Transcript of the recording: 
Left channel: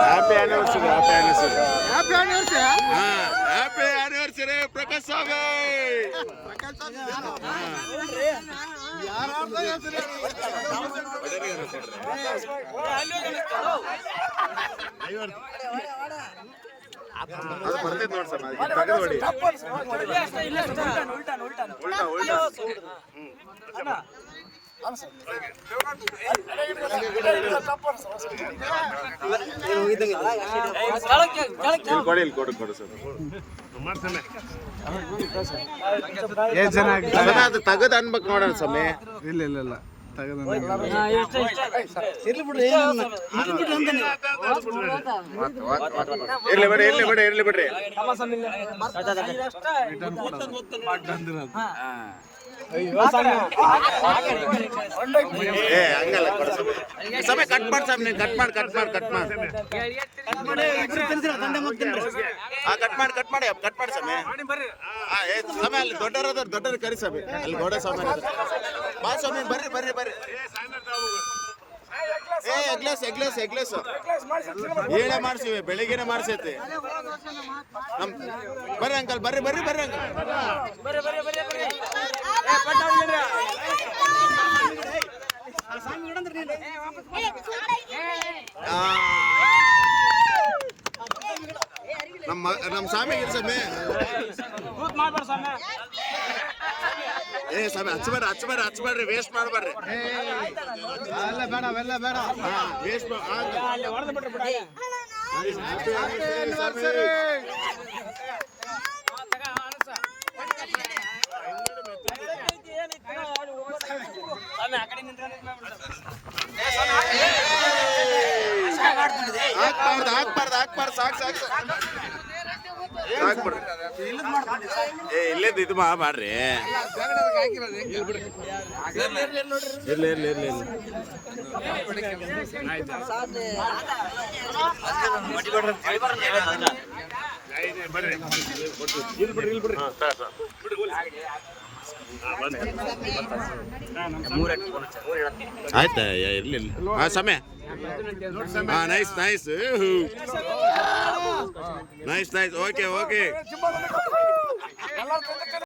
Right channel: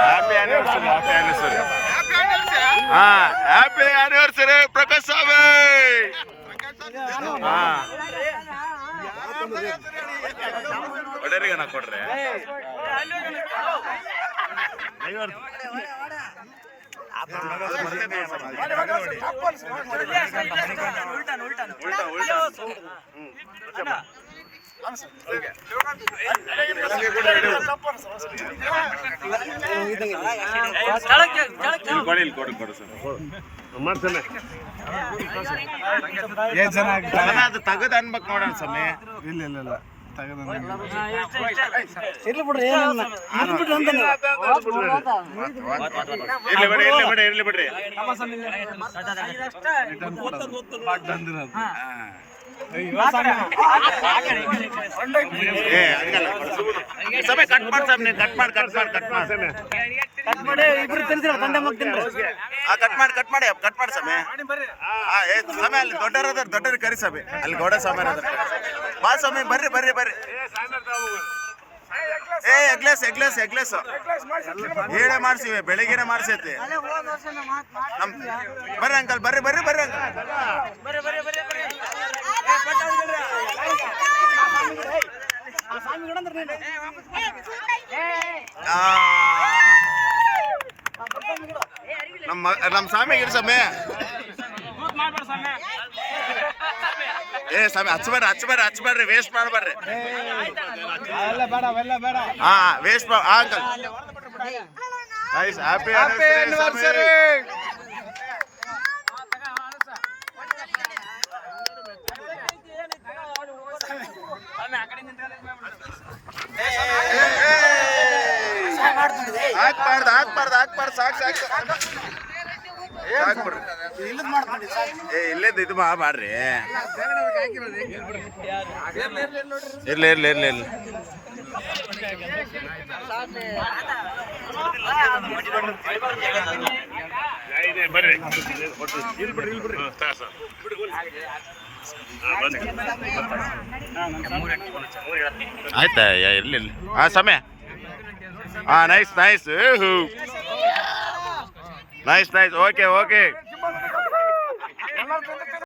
Happy anniversary happy anniversary happy anniversary Prakash Swami. ಒಡೆಯರಿಗೆ ನಾ ಕೊಡ್ರೆ ಕೊಡು ಸರ್ ಎಷ್ಟು ಜನ ಆಗ್ತಾರೆ ಅದು ತಗದ್ ಅನ್ಬೇಕು ನೋಡೋಣ ಸಮಯ. ಇಲ್ಲ ಇಲ್ಲ ಇಲ್ಲ ತಗದ ಇರ್ಲಿ ಬಿಡ್ರಿ ಇರ್ಲಿ ಬಿಡ್ರಿ ಇರ್ಲಿ ಬಿಡ್ರಿ. ಏ ಹಂಗಲ್ಲ ಸಮಯ ಕಟ್ ಮಾಡಿ ಸಾಮ್ ನೀನು ಕಟ್ ಮಾಡಿ ಕಟ್ ಮಾಡಿ ಕಟ್ ಮಾಡಿ ಕಟ್ ಮಾಡಿ ಸಮಯ. ಏ ಸಮಯ ಅಲ್ಲಿ ದೊಡ್ಡವ್ರ ಕರಿ ಸಮಯ ಅಲ್ಲಿ ಗೌಡ ಸ್ವಾಮಿ ಬಾ ಸ್ವಾಮಿ ಬರ್ರಿ ಬರ್ರಿ ಬರ್ರಿ. ಏ ಎಗ್ಲೆಸ್ ಹೇಳೇ ಮಾಡ್ಸಿವಿ ಬೆಳಿಗ್ಗೆನೆ ಮಾಡ್ಸೈತಿ ನಮ್. ಬರ್ರಿ ಅಂಕಲ್ ಬರ್ರಿ ಬರ್ರಿ ಬರ್ರಿ ಅಂಕಲ್. ನಮ್ಮ ಸ್ವಾಮಿ ಇರ್ಸಮ್ಮೆ. ಏ ಸ್ವಾಮಿ ಹಚ್ಬೇಡ್ರಿ ವೇಸ್ಟ್ ಮಾಡ್ಬೇಡ್ರಿ. ಹಾ waste uncle. Nice happy anniversary Swami. ಹಾಕ್ಬಾರ್ದು ಸಾಕು ಹಾಕ್ಬಿಡ್ರಿ. ಏ ಇಲ್ಲೇದು ಇದು ಮಾಡ್ರಿ. ಇರ್ಲಿ ಆಯ್ತಾ ಇರ್ಲಿ ಸಮಯ. Nice okay